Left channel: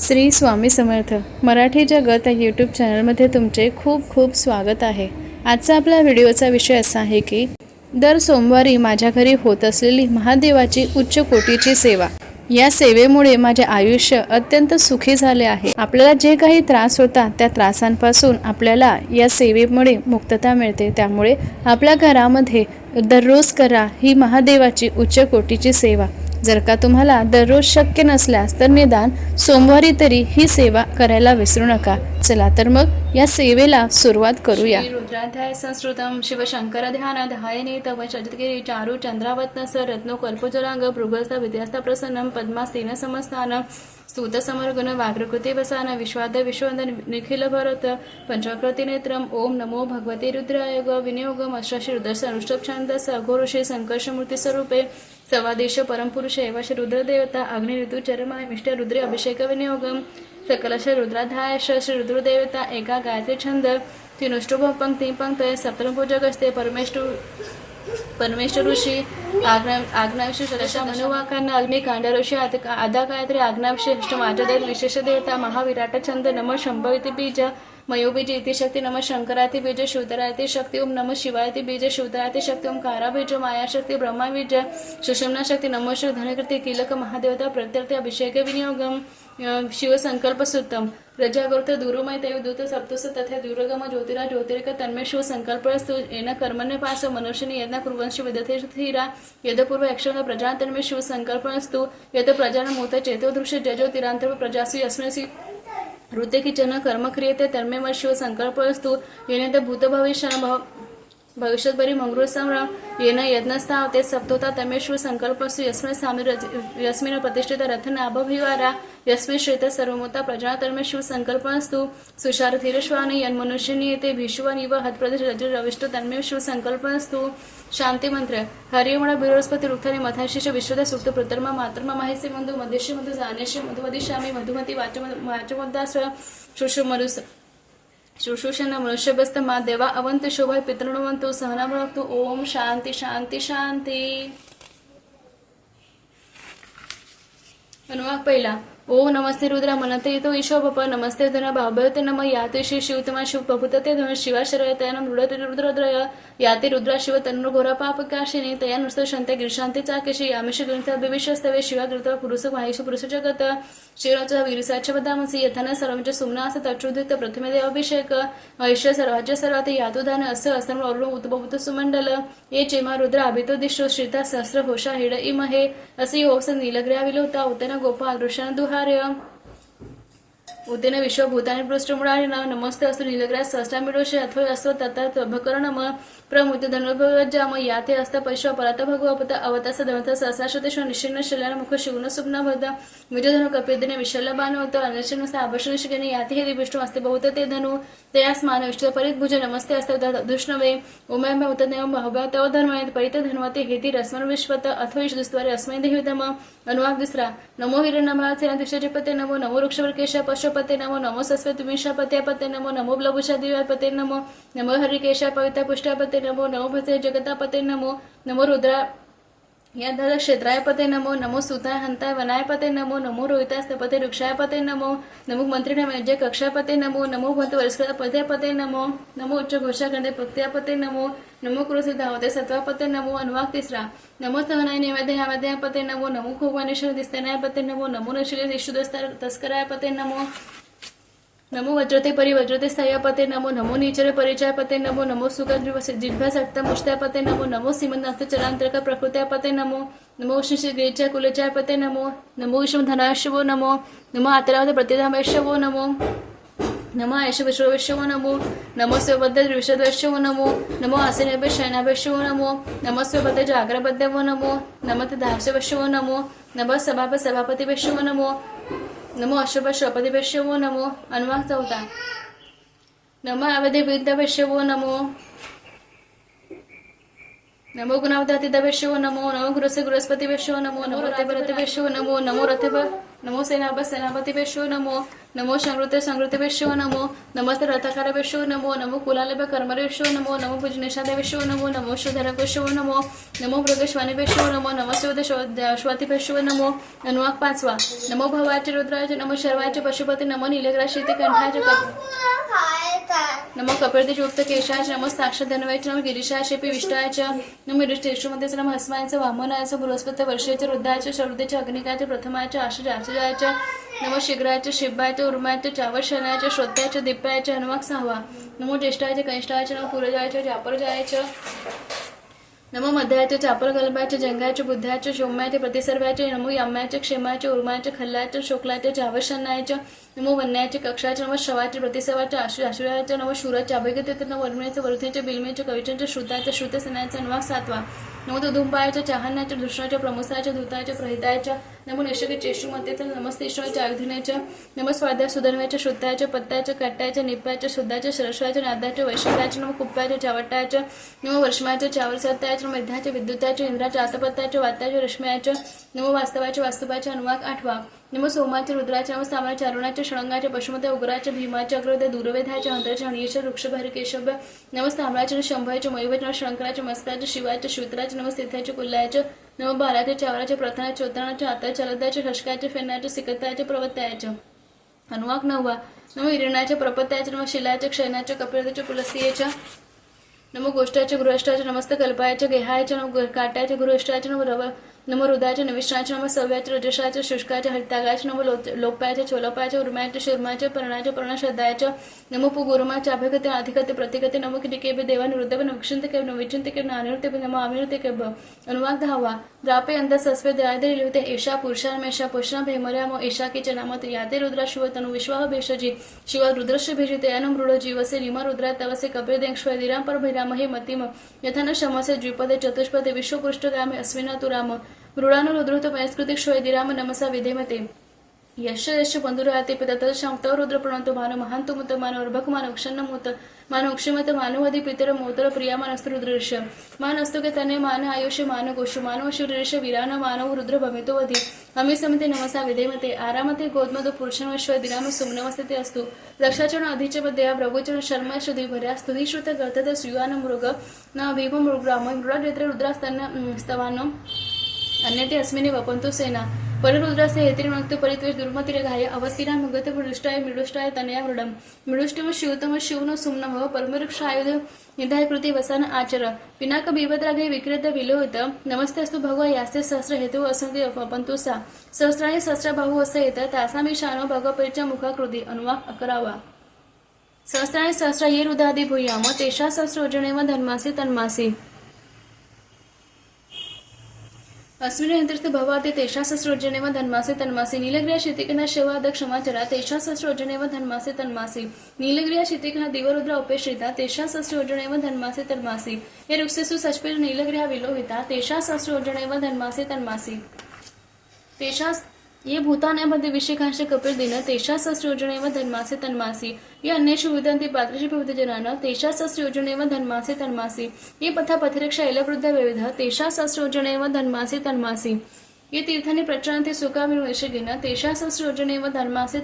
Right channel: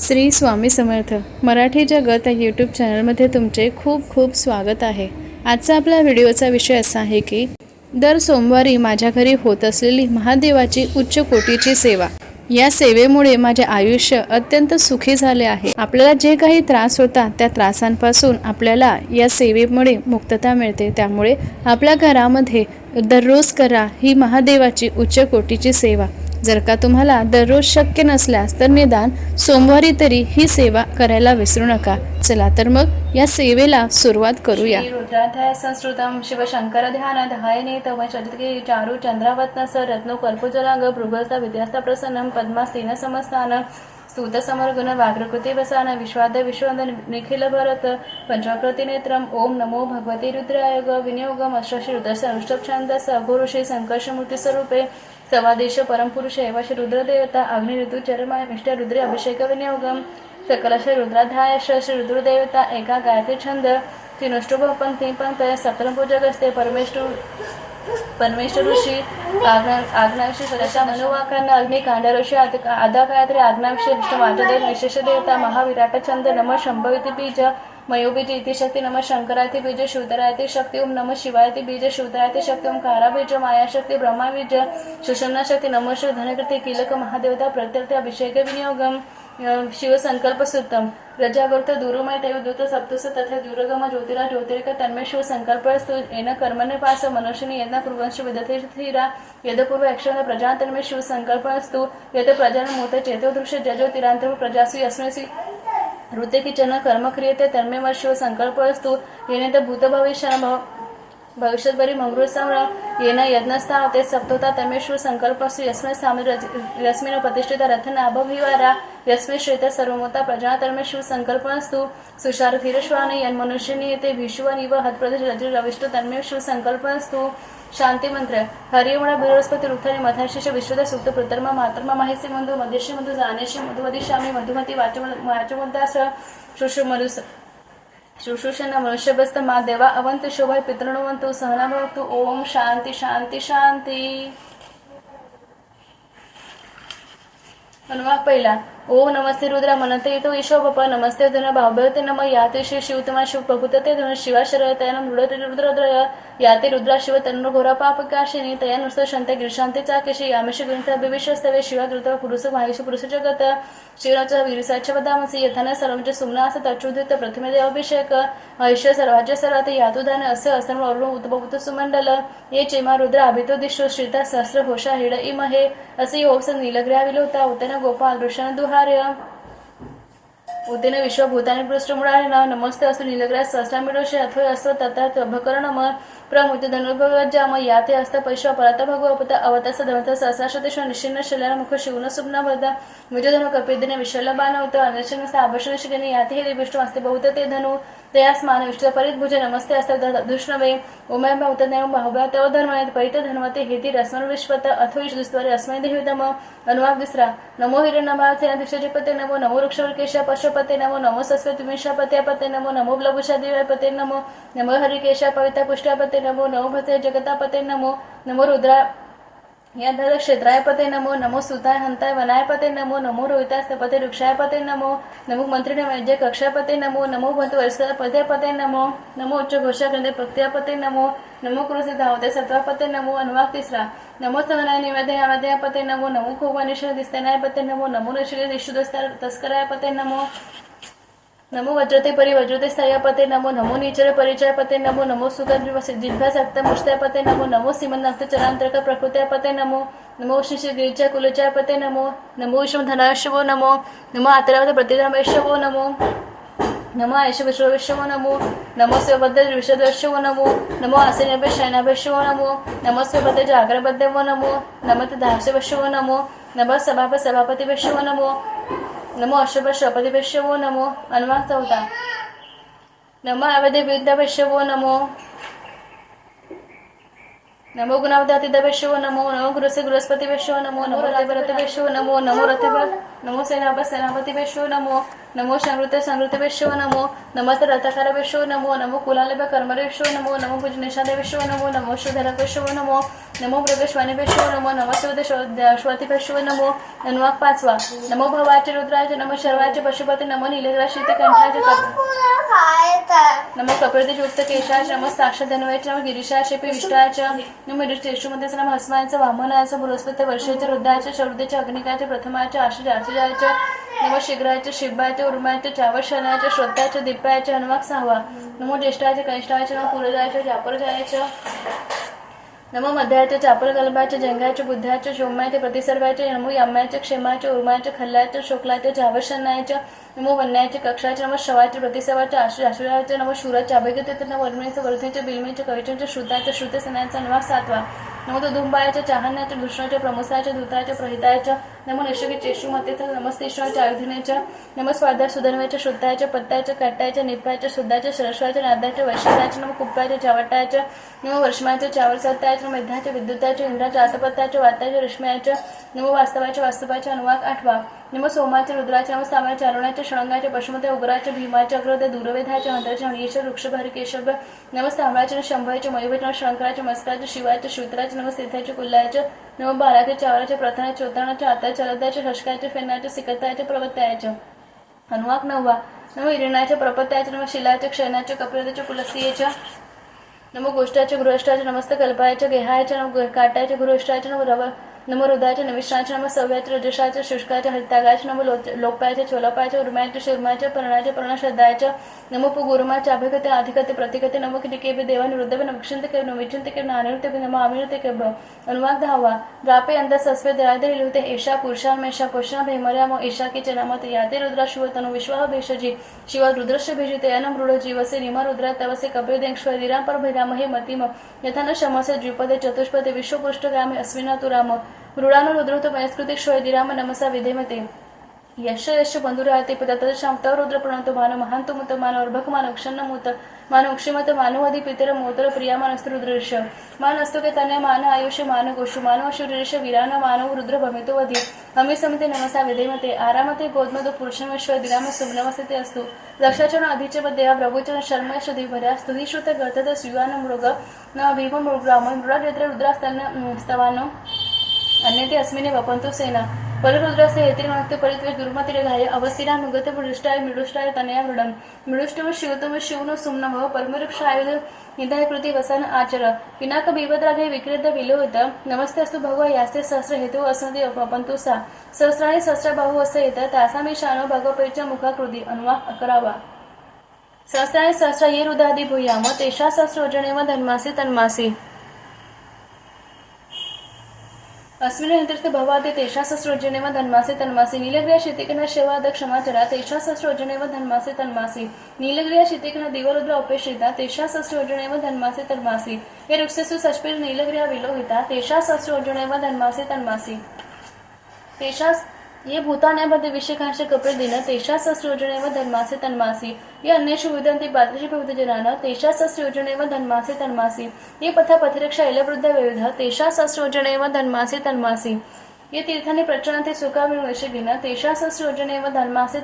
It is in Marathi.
श्री स्वामी समर्थ. मराठी जगत या यूट्यूब चॅनलमध्ये तुमचे खूप खूप स्वागत आहे. आजचा आपला व्हिडिओचा विषय असा आहे की दर सोमवारी माझ्या घरी होत असलेली महादेवाची उच्च कोटीची सेवा. या सेवेमुळे माझे आयुष्य अत्यंत सुखी झाले आहे. आपल्याला जे काही त्रास होता त्या त्रासांपासून आपल्याला या सेवेमुळे मुक्तता मिळते. त्यामुळे आपल्या घरामध्ये दररोज करा ही महादेवाची उच्च कोटीची सेवा. जर का तुम्हाला दररोज शक्य नसल्यास तर निदान सोमवारी तरी ही सेवा करायला विसरू नका. चला तर मग या सेवेला सुरुवात करूया. रुद्राध्याय संस्कृतम शिवशंकर ध्यान ध्यायने तव चरितके चारू चंद्रावत्न स रत्नो कर्पुजरांग भृगस्ता विद्यास्ता प्रसन्नम पद्मास्तीन समस्थान स्तुत समर्गुण व्याघ्रकृती वसान विश्वाद विश्वंदन निखिल भरत पंचकृती नेत्रम ओम नमो भगवती रुद्रायोग विनियोगम अष्टशी रुद्रस अनुष्टभ छंद सघोरुषे संकर्षमूर्ती स्वरूपे सवादेश परमपुरुष एव श्री रुद्रदेवता अग्नि ऋतू चरमाय मिष्ट रुद्रे अभिषेक विनियोगम सकलश रुद्राध्याय श्री रुद्रदेवता एका गायत्री छंद तीनुष्टुभ पंक्ती पंक्तय सप्तमपूजक असते परमेश्वर परमेश्वर ऋषी आग्ना आग्नाविषयी सदस्या मनुवाकांना अग्नि कांडऋषी आदा कायत्री आग्नाविषयी अष्ट माझ्या विशेष देवता महाविराट छंद नम शंभविती बीज मयोबीज इति शक्ती नम शंकराती बीज शिवतरायती शक्ती ओम नम शिवायती बीज शिवतरायती शक्ती ओम कारा बीज माया शक्ति ब्रह्मा बीज सुषमना शक्ती नम श्री धनकृती किलक महादेवता प्रत्यर्थ अभिषेक विनियोगम शिवसंकल्प सुतम रजागोर्थ दुरुमय देवदूत सप्तुस तथे दुर्गम ज्योतिरा ज्योतिरिक तन्मय शिव संकल्प येन कर्मण्य पास मनुष्यनी यज्ञ कुर्वंश विदते स्थिरा यदपूर्व यक्षण प्रजा तन्मे शिव संकल्प असतु यद प्रजा मूत चेतो दृश्य जजो तिरांतर प्रजासु अस्मसी ಋತಿಕಿಚನ ಕರ್ಮಕ್ರಿಯತೆ ತನ್ಮೆ ಮಶ್ಯು ಸಂಕಲ್ಪವಸ್ತು ಏನೆಂತ ಭೂತ ಭವಿಷ್ಯ ભવિષ્યતભરી મંગળુસમ યેન યજ્ઞસ્થા તે સપ્તોતા તમે શું સંકલ્પસુ યસ્મય સામી યસ્મિન પ્રતિષ્ઠિતા રથન અભવિવારા યસ્મિ શ્રેત સર્વમોતા પ્રજા તમે શું સંકલ્પસ્તુ? સુષારથિરશ્વાન યન મનુષ્યની તે ભીષ્વાન ઇવ હતપ્રદેશ રજુ રવિષ્ટ તન્મે શું સંકલ્પસ્તુ? શાંતિ મંત્ર. હરિયમણા બૃહસ્પતિ રુથને મથાશિષ વિશ્વદ સૂક્ત પૃતર્મા માતર્મા મહેશે મંદુ, મધ્યશે મંદુ જાનેશે મધુમતી શામી મધુમતી વાચો વાચો મંદાસ શુશ્રુ મનુષ્ય શુશ્રુષના મનુષ્યભસ્તમાં દેવા અવંત શોભાય પિતૃણવંતુ સહના ભક્તુ ઓમ શાંતિ શાંતિ શાંતિ અનુવાદ પહેલા ओ नमस्ते रुद्रा मनते येतो ईशो बप नमस्ते धन भावभवते नम याते श्री शिवतमा शिव प्रभुतते धन शिवा शरय तयान मृडते रुद्रद्रय याते रुद्रा शिव तन्न घोरा पाप काशिनी तया नुसतो शांत गिरशांती चाकेशी यामेश ग्रंथ भविष्यस्तवे शिवा ग्रंथ पुरुष माहेश पुरुष जगत शिवराच्या विरुसाच्या पदामसी यथान सर्वांचे सुमना असं तच्चुदित प्रथमे देव अभिषेक ऐश्य सर्वाच्या सर्वात यातुदान असं असं अरुण उद्भवत सुमंडल ये चेमा रुद्र अभितो दिशो श्रीता सहस्र घोषा हिड इमहे असे योगस नीलग्रहा विलोता उतना गोपाल दृश्यान પુનરાર્ય ઉદ્યન વિશ્વ ભૂતાની પૃષ્ઠમૂળાર્ય નમસ્તે અસ્તુ નીલગ્રાસ સષ્ટામીડો છે અથવા અસ્વ તથા અભકરણમાં ಪ್ರಮುಖ ಧನುರ್ಭವಜ್ಜಾಮ ಹಸ್ತ ಪೈಶ ಪರತ ಭಗವಪತ ಅವತಸ ಧಮತ ಸಹಸಾಶ್ವತೇಶ್ವ ನಿಶ್ಚಿನ್ನ ಶಲನ ಮುಖ ಶಿವನ ಸುಪ್ನ ಭದ ಮಿಜಧನು ಕಪಿದಿನ ವಿಶಲಭಾನ ಉತ ಅನರ್ಶನ ಆಭರಣ ಶಿಗನಿ ಯಾತಿ ಹೇ ವಿಷ್ಣು ಹಸ್ತೆ ಬಹುತ ತೇ ಧನು ತಯಾ ಸ್ಮಾನ ವಿಷ್ಣು ಪರಿತ್ ಭುಜ ನಮಸ್ತೆ ಹಸ್ತ ದೃಷ್ಣವೇ ಉಮಯ ಉತ ನಯ ಬಾಹುಬ ತವ ಧರ್ಮ ಪರಿತ ಧನ್ವತೆ ಹೇತಿ ರಸ್ಮನ್ ವಿಶ್ವತ ಅಥೋ ಇಷ್ ದುಸ್ವರೆ ಅಸ್ಮೈ ದೇವಿತಮ ಅನುವಾದ ದಿಸ್ರಾ ನಮೋ ಹಿರಣ್ಯಮಾಚೇನಾಧಿಷ್ಠಜಪತೆ ನಮೋ ನಮೋ ವೃಕ್ಷವರ್ಕೇಶ ಪಶುಪತೆ ನಮೋ ನಮೋ ಸಸ್ವತುಮೇಶ ಪತೆ ಪತೆ ನಮೋ ನಮೋ ಬ್ಲಭುಷ ದಿವ್ಯ ಪತೆ ನಮೋ ನಮೋ ಹರಿಕೇಶ ಪವಿತ ಪುಷ್ಟ ಪತೆ नमो नमो भसे जगतापते नमो नमो रुद्रा या धर क्षेत्रायपते नमो नमो सुताय हंताय वनायपते नमो नमो रोहितास्तपते वृक्षायपते नमो नमो मंत्री नमो कक्षापते नमो नमो भंत वरस्पते नमो नमो उच्च घोषा ग्रंथे पते नमो नमो कृषी धावते सत्वापते नमो अनुवाक तिसरा नमो सहनाय नैवेद्य पते नमो नमो खोवानेश्वर दिसतेनायपते नमो नमो नशिले दिशुदस्तर तस्कराय पते नमो वज्रते परि वज्रते स्थयापते नमो नमो नीचर परिचयपते नमो नमो सुगंध जिह्वा सक्त मुष्टापते नमो नमो सीमंत चरांतरक प्रकृत्यापते नमो नमो शिशि गिरिच्या कुलचापते नमो नमो विष्णु धनाशवो नमो नमो आतरावत प्रतिधामेशवो नमो नमो आयश विश्वविश्वो नमो नमो स्वबद्ध विषदवशवो नमो नमो आसेनभ्य शयनाभ्यशवो नमो नमो स्वबद्ध जागरबद्धवो नमो नमत दाहशवशवो नमो नमः सभाप सभापती वैश्वो नमो अशुभशपदिभ्यश्च नमो अन्वाक्तवता नमो अवधि वो नमो। अनुवाद चौथा नमो अवधी विद्या वैश्यवो नमो नमो गुणावदातिदवेशो नमो नमो गुरुसे गुरुस्पतिवेशो नमो नमो रतिभरतिवेशो नमो नमो रतिभ नमो सेनाभ सेनापतिवेशो नमो नमो संवृते संवृतिवेशो नमो नमस्ते रथकारवेशो नमो नमो कुलालभ कर्मरेशो नमो नमो भुजनिषादेवेशो नमो नमो शुधरकेशो नमो नमो मृगश्वानिवेशो नमो नमो श्वतिभेशो नमो अनुवाक पाचवा नमो भवाचे रुद्राचे नमो शर्वाचे पशुपती नमो नीलग्रा शीतकंठाचे कप नमो कपिलतेज युक्त केशाच नमो साक्षात धनवायचे नमो गिरीशाचे पी विष्टाच नम टेशुमध्ये नम हस्मायचं वामनायचं बृहस्पती वर्षाचे रुद्राचे शरदेचे अग्निकाचे प्रथमाचे आशुज आशुजाचे नम शिग्राचे शिबाचे उर्माचे चावशनाचे श्रोत्याचे दिप्याचे हनुमाक सहावा नमो ज्येष्ठाचे कनिष्ठाचे नमो जापर जायचं नमो मध्याचे चापल कल्पाचे जंगाचे बुद्धाचे शोम्याचे प्रतिसर्वाचे नमो यम्याचे क्षेमाचे उर्माचे खल्ल्याचे शोकलाचे जावशनायचे नमो वन्याचे कक्षाचे नमो शवाचे प्रतिसवाचे आशु आशुराचे नमो शूराचे अभिगते नमो वर्णेचे वर्धेचे बिलमेचे कविचाचे श्रुताचे श्रुतसनाचे अनुवाक सातवा. नमो तो धुंबायाच्या चाहण्याच्या दुष्णाच्या प्रमुसाच्या धुताच्या प्रहिताच्या नमो निशके चेशुमतेच्या नमस्तेश्वराच्या आयुधनेच्या नमो स्वाद्या सुधनवाच्या शुद्धाच्या पत्त्याच्या कट्ट्याच्या निप्याच्या शुद्धाच्या सरस्वाच्या नादाच्या वैशिष्ट्याच्या नम कुप्प्याच्या चावटाच्या नमो वर्षमाच्या चावर सत्याच्या नमो विद्युताच्या इंद्राच्या आसपत्ताच्या वात्याच्या रश्म्याच्या नमो वास्तवाच्या वास्तवाच्या अनुवाक आठवा. नम सोमाच्या रुद्राच्या नमो चारुणाच्या अरुणाच्या षणंगाच्या पशुमते उग्राच्या भीमाच्या अग्रद्या दुर्वेधाच्या हंत्राच्या हणीच्या वृक्षभारी केशव नमो तांबळाच्या शंभराच्या मयुभेच्या शंकराच्या मस्काच्या शिवाच्या श्रुत्राच्या नमो सिद्धाच्या कुल्लाच्या नमो बाराच्या चावराच्या प्रथनाच्या चोत्राणाच्या आताच्या चलदाच्या शशकाच्या फेनाच्या सिकताच्या प्रवत्याच्या अनुवाक नववा नम इरिणाच्या प्रपत्याच्या नम शिलाच्या क्षणाच्या कपिलतेच्या पुलस्तीयेच्या नमो गोष्टाच्या गृहष्टाच्या नमस्त कल्पायाच्या गेहायच्या नम काट्याच्या गृहष्टाच्या नम रव नमो हृदयाच्या नविष्ठाच्या नम सव्याच्या रजशाच्या शुष्काच्या हरितागाच्या नमो लो लोपायाच्या चोलपायाच्या उर्मायाच्या शुरमाच्या पर्णाच्या पर्णश्रद्धाच्या नमो पुगुरुमाच्या अभिगते अधिकते प्रतिकते नमो किटिकेबे देवान निरुद्धव नक्षिंत केव नविचिंत के नानिरुते नमो आमिरते के अनुवाद धावा। रापे अंत सस्वे दयादे लिहुते। एषा पुरुषान्मेषा पुष्णा भैमर्यामो एषा की चनामते याते रुद्रा शिवतनु विश्वाह भेषजी। शिवा रुद्रस्य भेजिते अनम रुढ जीवसे निम रुद्रा तवसे कपिल देंक्ष्व दिराम पर भैरामहे मतिम। यथान शमसे द्विपदे चतुष्पदे विश्वपृष्ठगामे अश्विना तुराम। ಮೃಳಾನುರುದ್ರತು ಮೈಸ್ಕೃತಿಕ್ಷೋಯ ದಿರಾಮ ನಮಸ ವಿಧೇಮತೆ ಯಶ ಯಶ ಬಂಧುರಾಯತೆ ಪದತದ ಶಾಂತ ರುದ್ರ ಪ್ರಣತು ಮಾನು ಮಹಾಂತು ಮತ್ತು ಮಾನು ಅರ್ಭಕ ಮಾನು ಅಕ್ಷನ್ನ ಮೂತ ಮಾನು ಅಕ್ಷಮತ ಮಾನುವಾದಿ ಪಿತರ ಮೂತರ ಪ್ರಿಯ ಮಾನಸ್ತು ರುದ್ರಋಷ ಮಾನಸ್ತು ಕೆ ತನ್ನ ಮಾನ ಆಯುಷ್ಯ ಮಾನು ಗೋಷು ಮಾನವ ಶಿವಋಷ ವಿರಾನ ಮಾನವ ರುದ್ರ ಭವಿತು ವಧಿ ಅಮಿ ಸಮತೆ ನಮಸ ವಿಧೇಮತೆ ಆರಾಮತೆ ಗೋದ್ಮದು ಪುರುಷನಶ್ವ ವಿರಾಮ ಸುಮ್ನಮಸತೆ ಅಸ್ತು ದಕ್ಷಾಚರಣ ಅಧಿಚ ದಯಾ ಪ್ರಭುಚರಣ ಶರ್ಮ ಶ್ರೀಭರ್ಯ ಸ್ತುಹಿ ಶ್ರುತ ಗರ್ಥದ ಸುಯಾನ ಮೃಗ ನ ಭೀಮ ಮೃಗ ಮೃಗ ನೇತ್ರ ರುದ್ರಾಸ್ತನ್ನ ಸ್ತವಾನ अन्यते अस्मिने वपन्तु सेना. पररुद्रस्य हेतिर्मक्ते परित्वेष दुर्मतिरेघाय अवस्थिरा मुगते मृष्टाय मृडुष्टाय तनया मृडम. मृडुष्टम शिवतम शिवनो सुम्नम परमवृक्ष परमरुक्षायुध निधाय कृती वसन आचर. पिनाक बिबद्राधे विक्रेत विलोहित नमस्ते अस्तु भगवा यास्ते सहस्र हेतु असंति वपंतो सा. सहस्र भाऊ असे येत तासामी शानो भगवपरीच्या मुखाकृती अनुवा अकरावा. सहस्राणी सहस्र ये रुदादी भूयाम तेषा व धन्मासी तेषा सहस्रोजने व धन्मासे तन्मासी. नीलग्रिया शितिकना शेवाद क्षमाचरा तेषा सहस्रोजने व धन्मासे तन्मासी नीलग्रिया शितिकना दिवरुद्र उपेश्रिता तेषा सहस्रोजने व धन्मासे तन्मासी ये रुक्षसु सष्पिर नीलग्रिया विलोहिता तेषा सहस्रोजने व धन्मासे तन्मासी तेषा ये भूतान्यामध्ये विषेकांश कपिल दिन तेषा सहस्रयोजने व धन्मासे तन्मासी. ये अन्येषु विदन्ति पात्रेषु प्रवृतजनान तेषा सहस्रयोजने व धन्मासे तन्मासी. ये पथ पथिरक्षा इलवृद्ध विविध तेषा सहस्रयोजने व धन्मासे तन्मासी. ये तीर्थानि प्रचलन्ति सुखामिणु विषगिन तेषा सहस्रयोजने व धन्मासे